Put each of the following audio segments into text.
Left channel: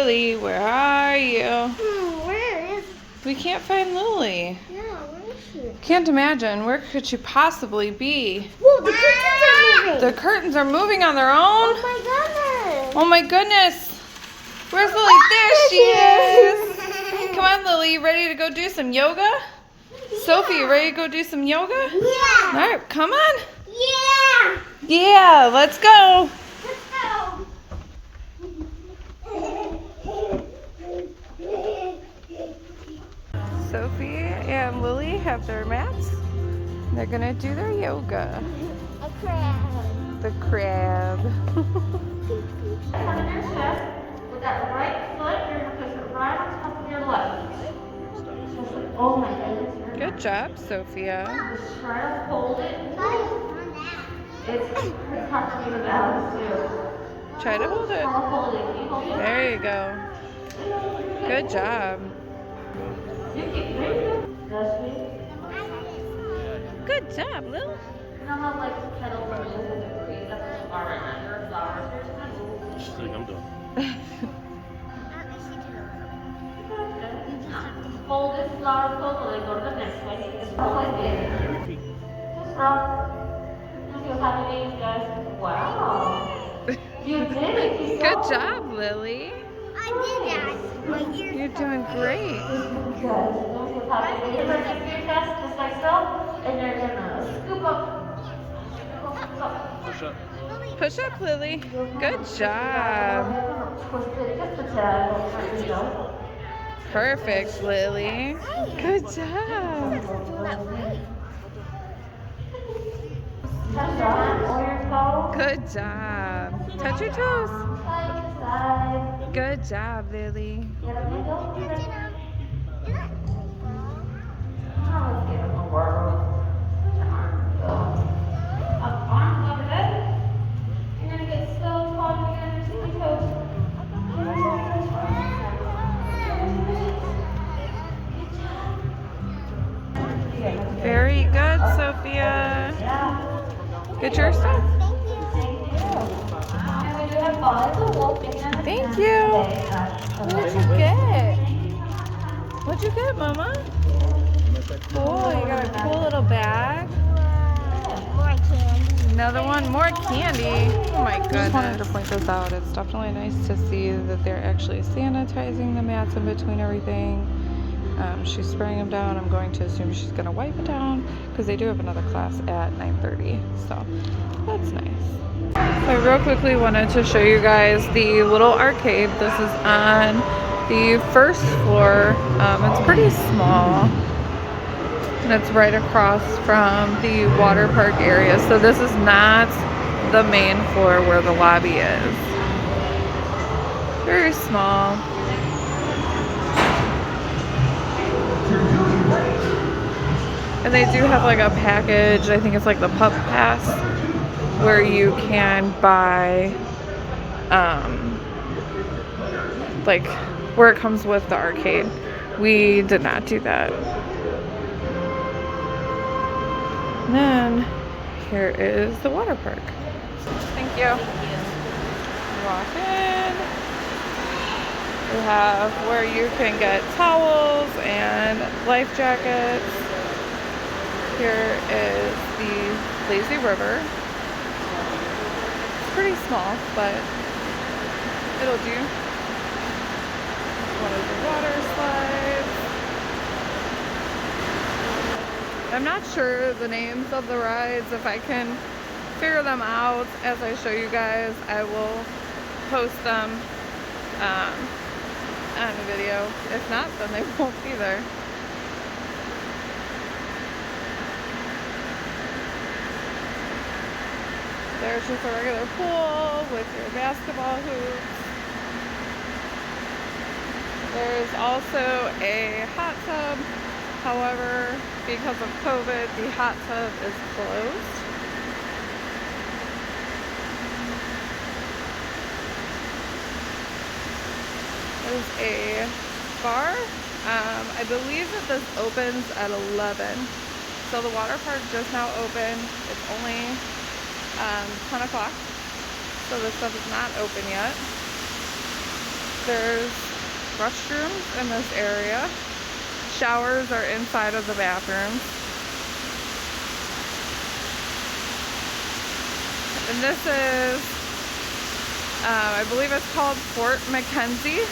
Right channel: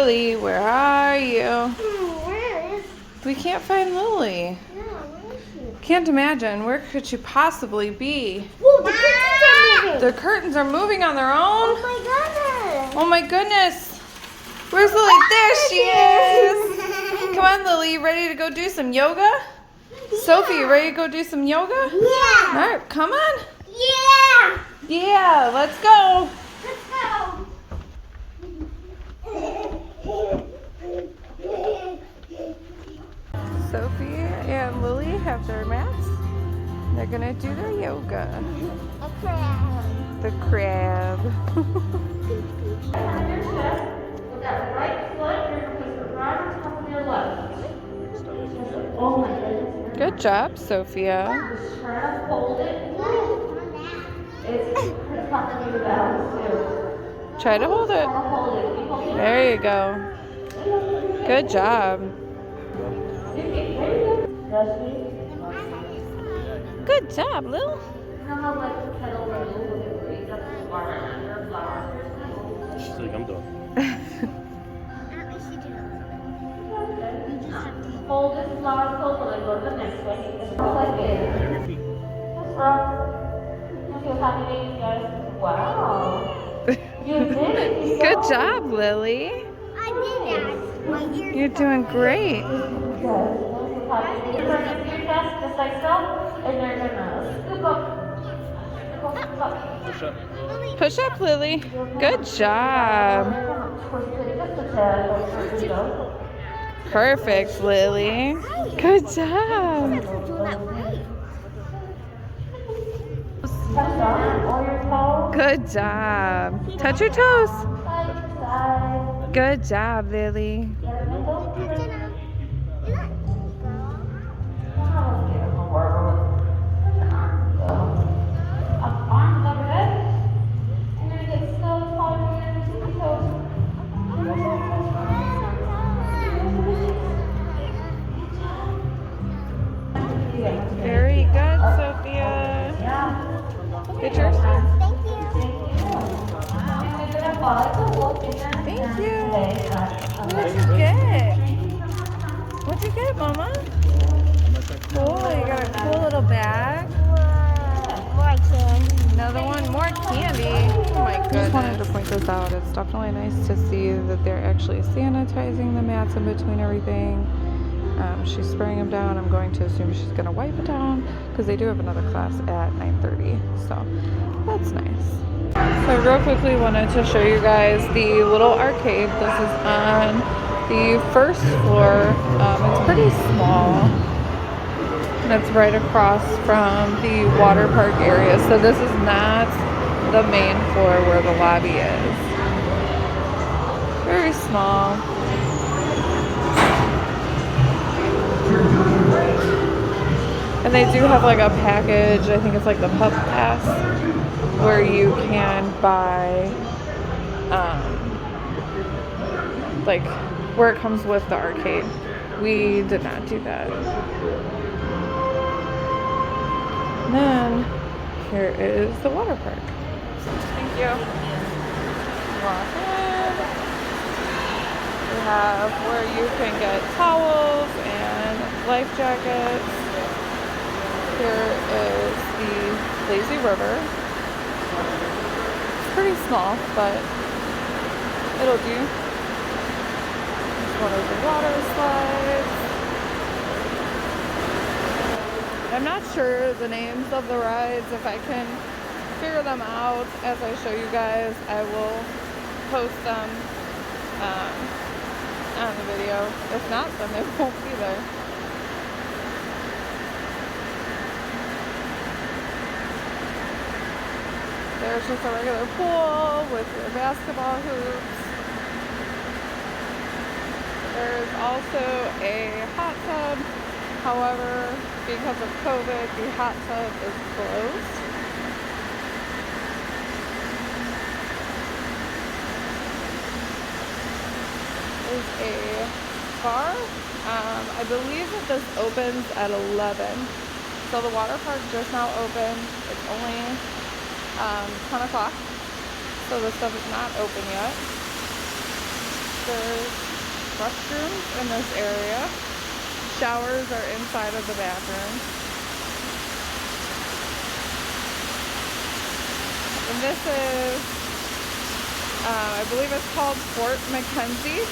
Lily, where are you? Where is? We can't find Lily. Yeah, where is she? Can't imagine. Where could she possibly be? Whoa, the curtains are moving. The curtains are moving on their Oh own? my goodness. Oh my goodness. Where's Lily? There she is. Come on, Lily. You ready to go do some yoga? Yeah. Sophie, you ready to go do some yoga? Yeah. All right, come on. Yeah. Yeah, let's go. Let's go. Sophie and Lily have their mats. They're gonna do their yoga. A crab. The crab. With that right foot, you're going to put it right on top of your left. Oh my goodness. Good job, Sophia. Just try to hold it. It's hard for me to balance too. Try to hold it. Hold it. Keep holding it. There you go. Good job. There you go. That's me. Good job, Lil. You know how like kettle move with the breeze up the bar and under flowers? She's like, I'm done. Fold this flower fold and go to the next one. Just like it. Just you feel happy wings, guys? Wow. You did it. Keep Good going. job, Lily. I did that. You're doing great. Good. You're gonna do your chest just like so, and you're gonna scoop up. Scoop up. Push up. Push up, Lily. Good job. Twist it just a tad. There you go. Perfect, Lily. Good job. Touch on all your toes. Good job. Touch your toes. Side to side. Good job, Lily. Get a middle. Very good, Sophia. Get yours? Thank you. What did you get? What'd you get, Mama? Cool, you got a cool little bag. More candy. Another one, more candy. Oh my goodness. Just wanted to point this out. It's definitely nice to see that they're actually sanitizing the mats in between everything. She's spraying them down. I'm going to assume she's going to wipe it down because they do have another class at 9:30. So that's nice. So I real quickly wanted to show you guys the little arcade. This is on the first floor. It's pretty small. And it's right across from the water park area. So this is not the main floor where the lobby is. Very small. And they do have like a package, I think it's like the Pup Pass, where you can buy, like, where it comes with the arcade. We did not do that. And then, here is the water park. Thank you. Walk in. We have where you can get towels and life jackets. Here is the lazy river. It's pretty small, but it'll do. It's one of the water slides. I'm not sure the names of the rides. If I can figure them out as I show you guys, I will post them on the video. If not, then they won't be there. There's just a regular pool with your basketball hoops. There's also a hot tub. However, because of COVID, the hot tub is closed. There's a bar. I believe that this opens at 11. So the water park just now opened. It's only 10 o'clock. So this stuff is not open yet. There's restrooms in this area. Showers are inside of the bathrooms. And this is, I believe it's called Fort McKenzie.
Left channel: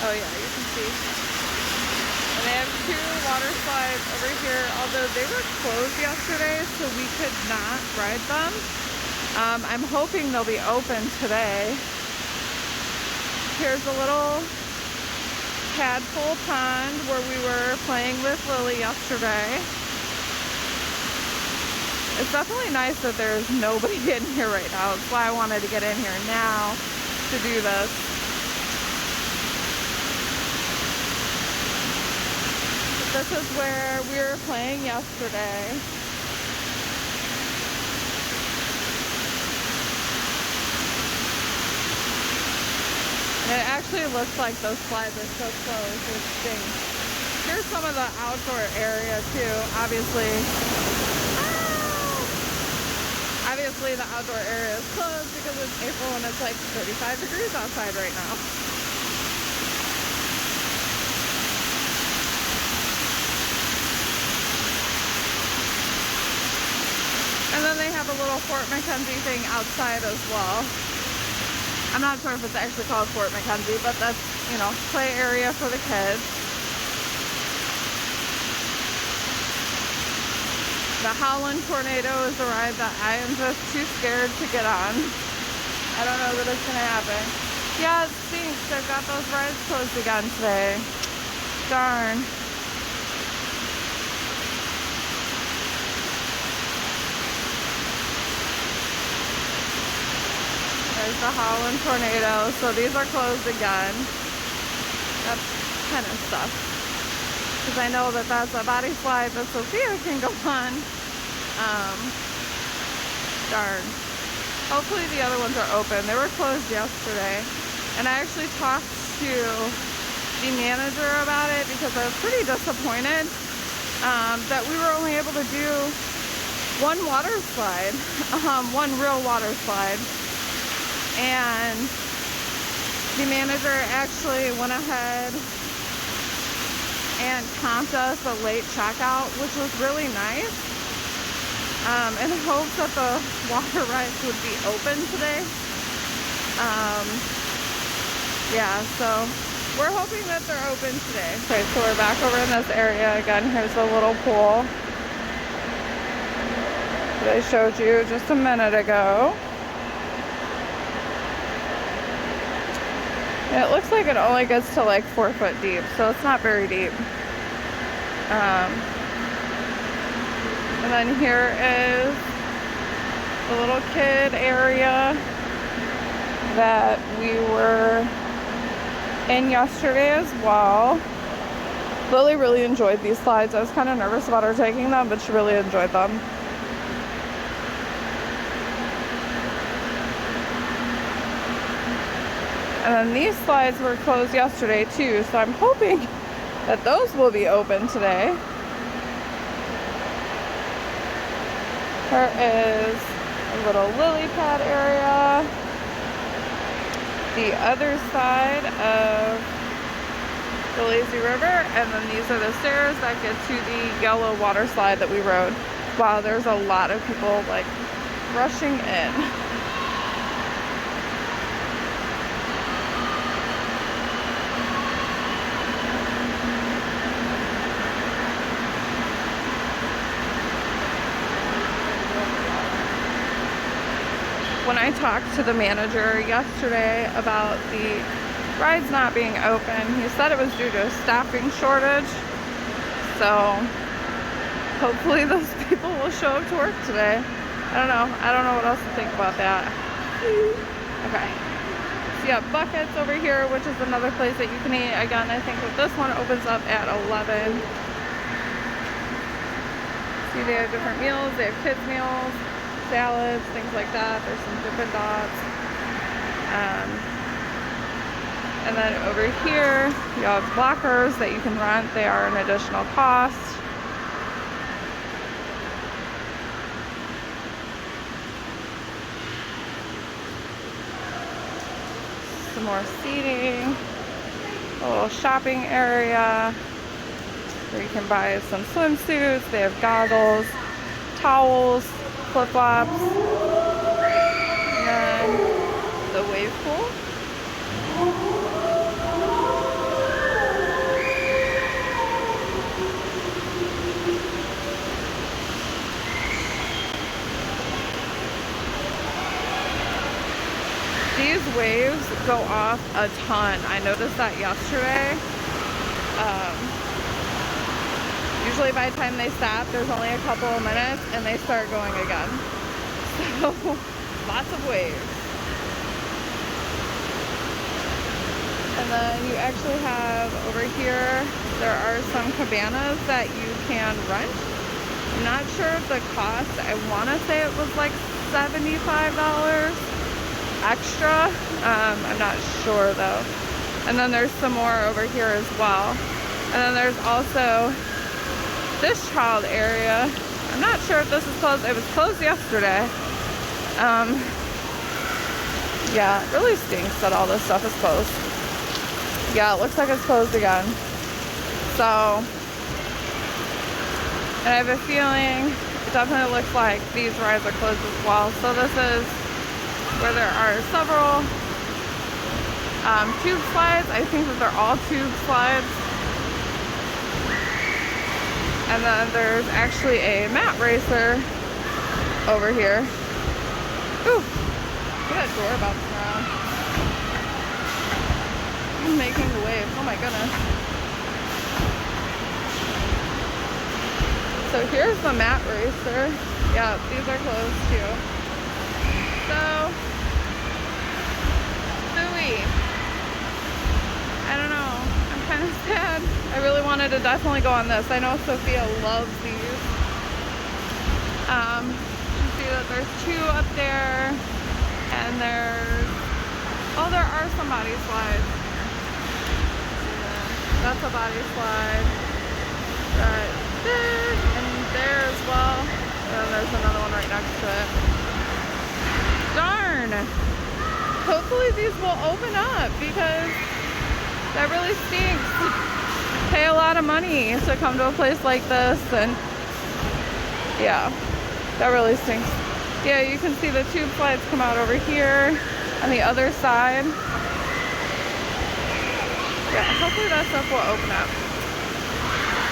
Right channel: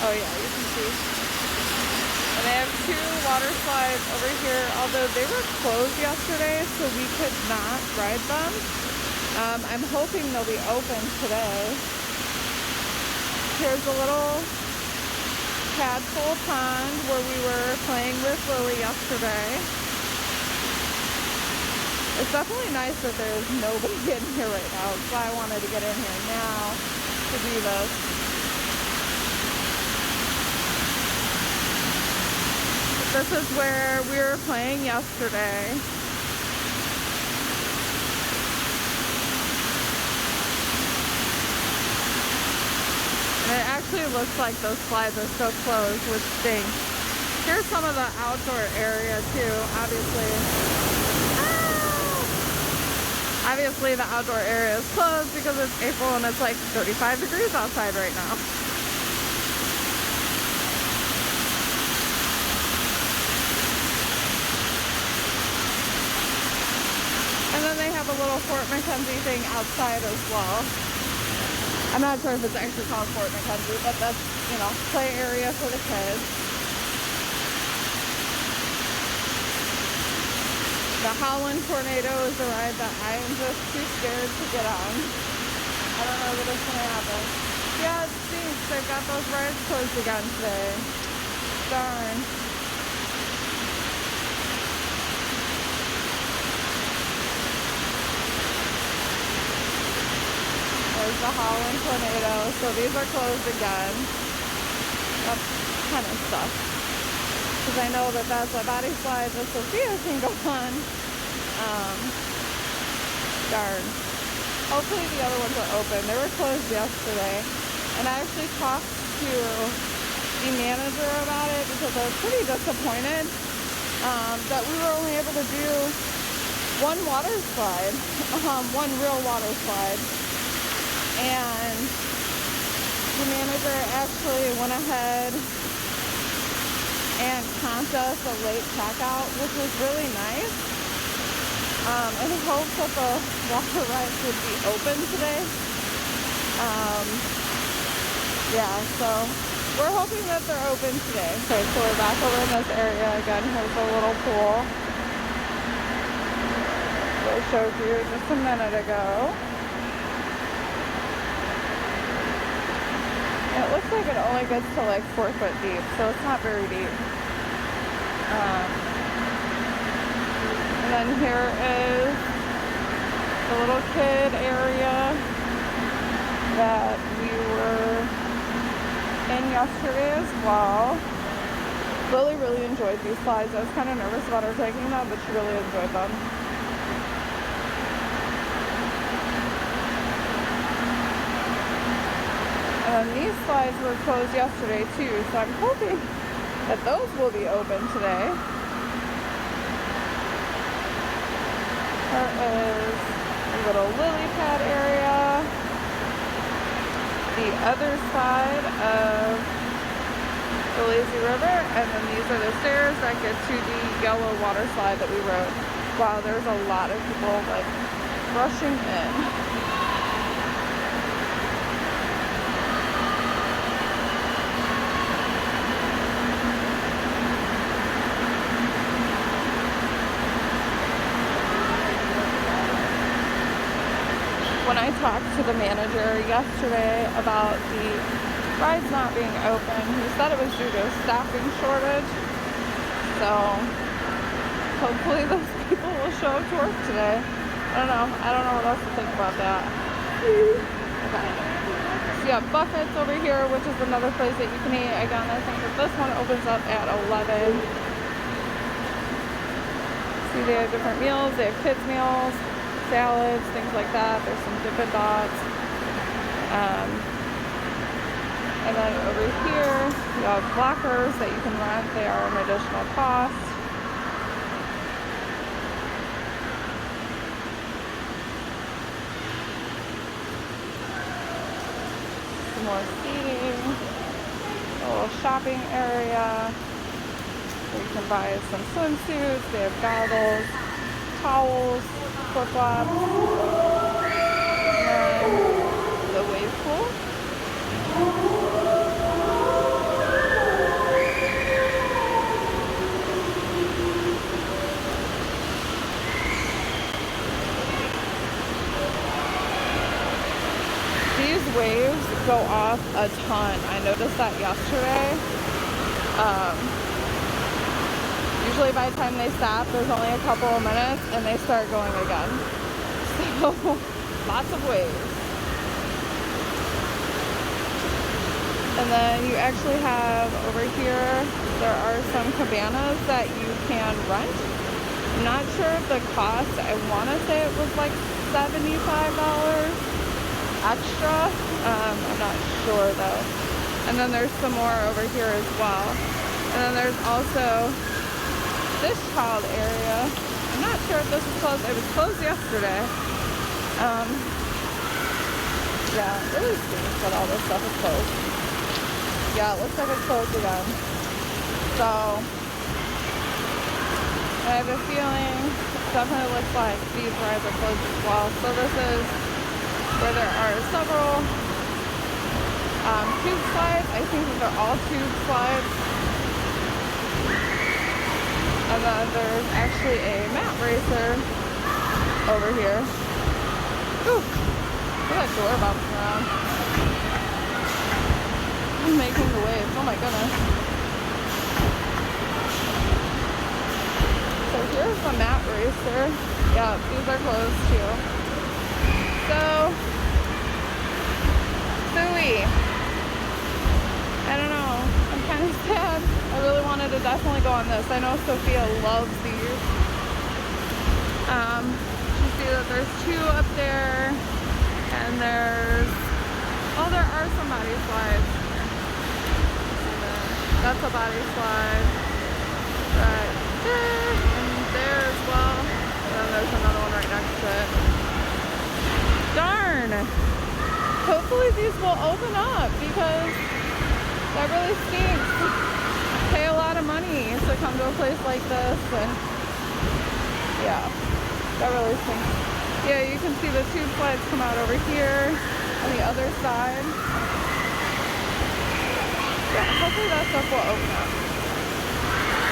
Oh yeah, you can see. And they have 2 water slides over here, although they were closed yesterday, so we could not ride them. I'm hoping they'll be open today. Here's a little tadpole pond where we were playing with Lily yesterday. It's definitely nice that there's nobody in here right now. That's why I wanted to get in here now to do this. This is where we were playing yesterday. And it actually looks like those slides are still closed, which stinks. Here's some of the outdoor area too, obviously. Obviously the outdoor area is closed because it's April and it's like 35 degrees outside right now. And then they have a little Fort McKenzie thing outside as well. I'm not sure if it's actually called Fort McKenzie, but that's, you know, play area for the kids. The howling tornado is a ride that I am just too scared to get on. I don't know that it's gonna happen. Yeah, it stinks. They've got those rides closed again today. Darn. There's the howling tornado. So these are closed again. That kind of sucks. Because I know that that's a body slide that Sophia can go on. Darn. Hopefully the other ones are open. They were closed yesterday. And I actually talked to the manager about it because I was pretty disappointed that we were only able to do one water slide. One real water slide. And the manager actually went ahead and comped us a late checkout, which was really nice, in hopes that the water rides would be open today. Yeah, so we're hoping that they're open today. Okay, so we're back over in this area again. Here's a little pool that I showed you just a minute ago. It looks like it only gets to like 4 foot deep, so it's not very deep. And then here is the little kid area that we were in yesterday as well. Lily really enjoyed these slides. I was kind of nervous about her taking them, but she really enjoyed them. And then these slides were closed yesterday too, so I'm hoping that those will be open today. There is a little lily pad area. The other side of the lazy river, and then these are the stairs back there to the yellow water slide that we rode. Wow, there's a lot of people like rushing in. When I talked to the manager yesterday about the rides not being open, he said it was due to a staffing shortage. So hopefully those people will show up to work today. I don't know what else to think about that. Okay. So yeah, Buckets over here, which is another place that you can eat. Again, I think that this one opens up at 11. See, they have different meals. They have kids meals, salads, things like that. There's some Dippin' Dots. And then over here, you have lockers that you can rent. They are an additional cost. some more seating, a little shopping area where you can buy some swimsuits. They have goggles, towels, flip-flops, and the wave pool. These waves go off a ton. I noticed that yesterday. Usually by the time they stop, there's only a couple of minutes and they start going again. So, lots of waves. And then you actually have over here, there are some cabanas that you can rent. I'm not sure of the cost. I want to say it was like $75 extra. I'm not sure though. And then there's some more over here as well. And then there's also this child area. I'm not sure if this is closed. It was closed yesterday. Yeah, it really stinks that all this stuff is closed. Yeah, it looks like it's closed again. So, and I have a feeling it definitely looks like these rides are closed as well. So this is where there are several tube slides. I think that they're all tube slides. And then there's actually a mat racer over here. Ooh, look at that door bouncing around. I'm making the wave. Oh my goodness. So here's the mat racer. Yeah, these are closed too. So, Philly. I don't know. I'm kind of sad. I really wanted to definitely go on this. I know Sophia loves these. You see that there's two up there, and there's, oh, there are some body slides. And then that's a body slide right there, and there as well. And then there's another one right next to it. Darn! Hopefully these will open up because that really stinks. Pay a lot of money to come to a place like this, and yeah, that really stinks. Yeah, you can see the tube slides come out over here on the other side. Yeah, hopefully that stuff will open up.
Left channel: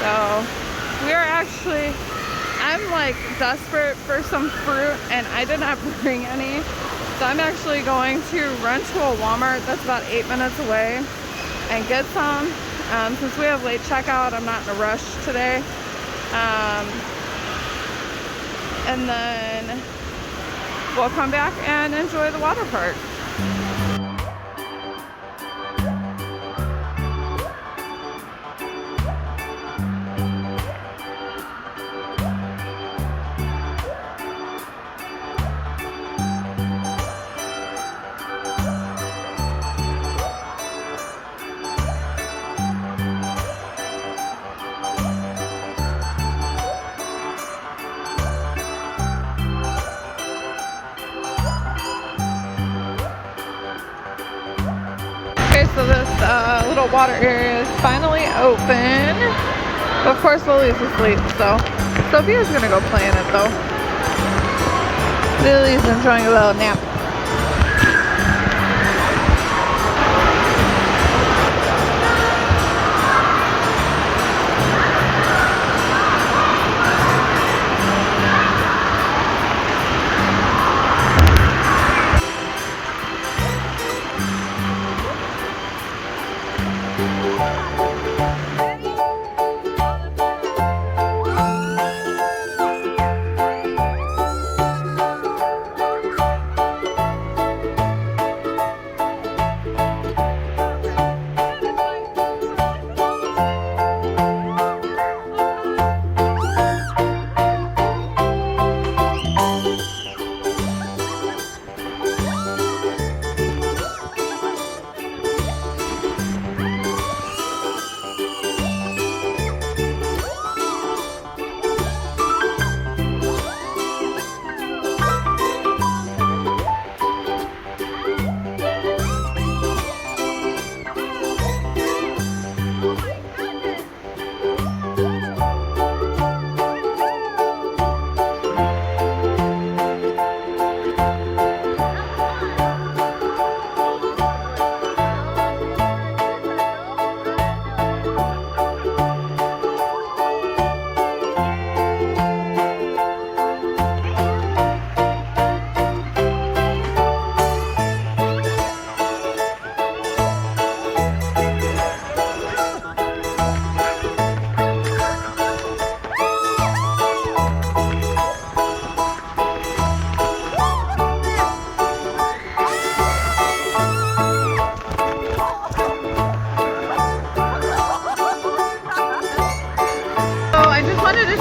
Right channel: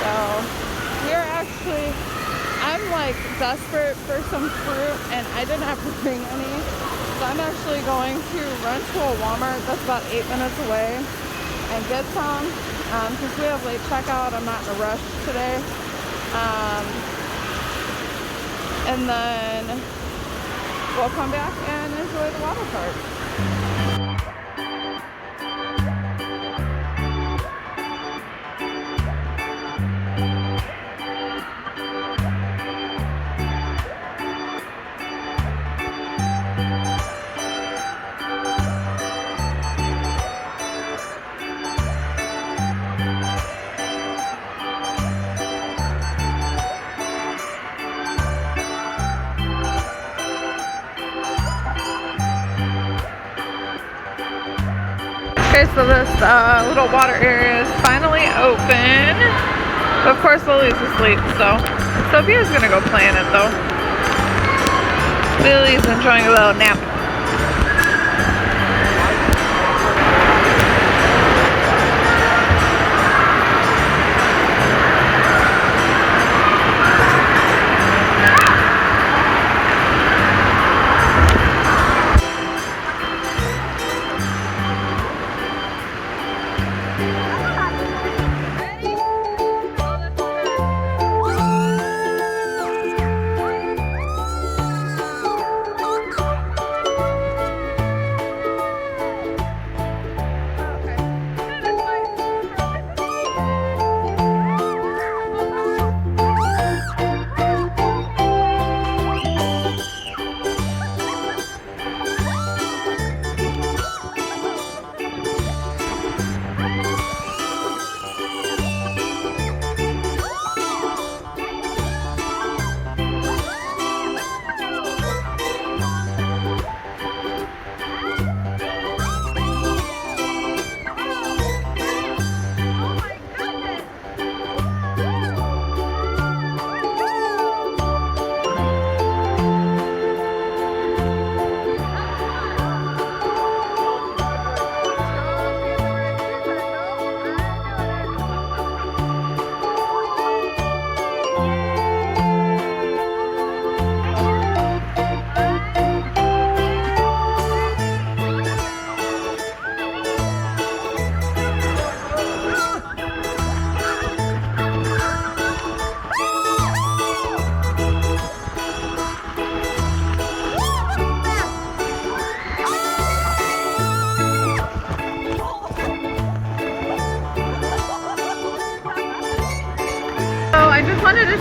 So we're actually, I'm like desperate for some fruit and I did not bring any. So I'm actually going to run to a Walmart that's about 8 minutes away and get some. Since we have late checkout, I'm not in a rush today. And then we'll come back and enjoy the water park. Okay, so this little water area is finally open. Of course, Lily's asleep, so Sophia's gonna go play in it though. Lily's enjoying a little nap.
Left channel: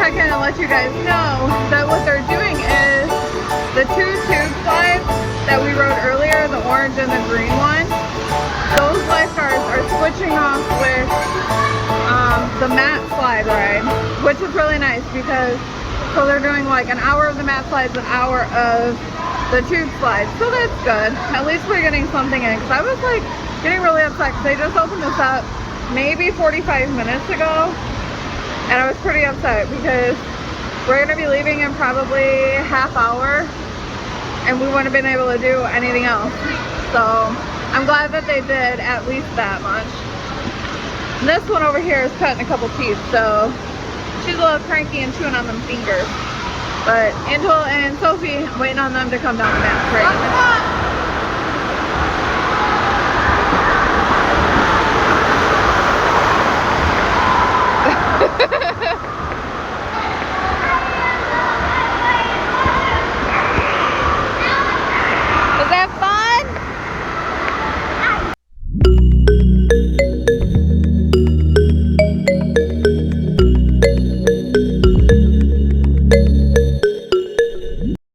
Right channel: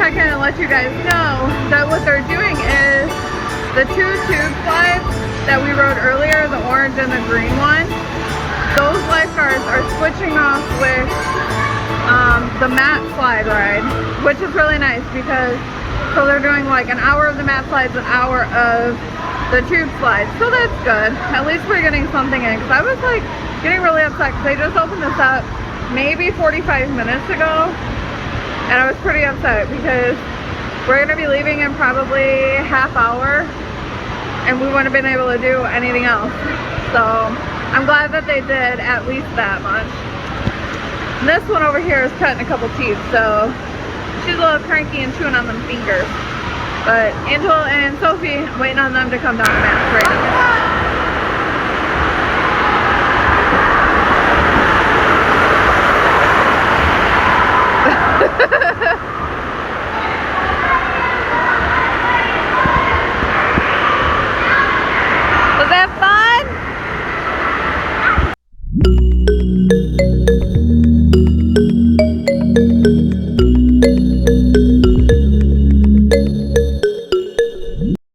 check in and let you guys know that what they're doing is the 2 tube slides that we rode earlier, the orange and the green one, those lifeguards are switching off with the mat slide ride, which is really nice because so they're doing like an hour of the mat slides, an hour of the tube slides. So that's good. At least we're getting something in, because I was like getting really upset because they just opened this up maybe 45 minutes ago, and I was pretty upset because we're gonna be leaving in probably half hour and we wouldn't have been able to do anything else. So I'm glad that they did at least that much. And this one over here is cutting a couple teeth, so she's a little cranky and chewing on them fingers. But Angela and Sophie, I'm waiting on them to come down the mat right now.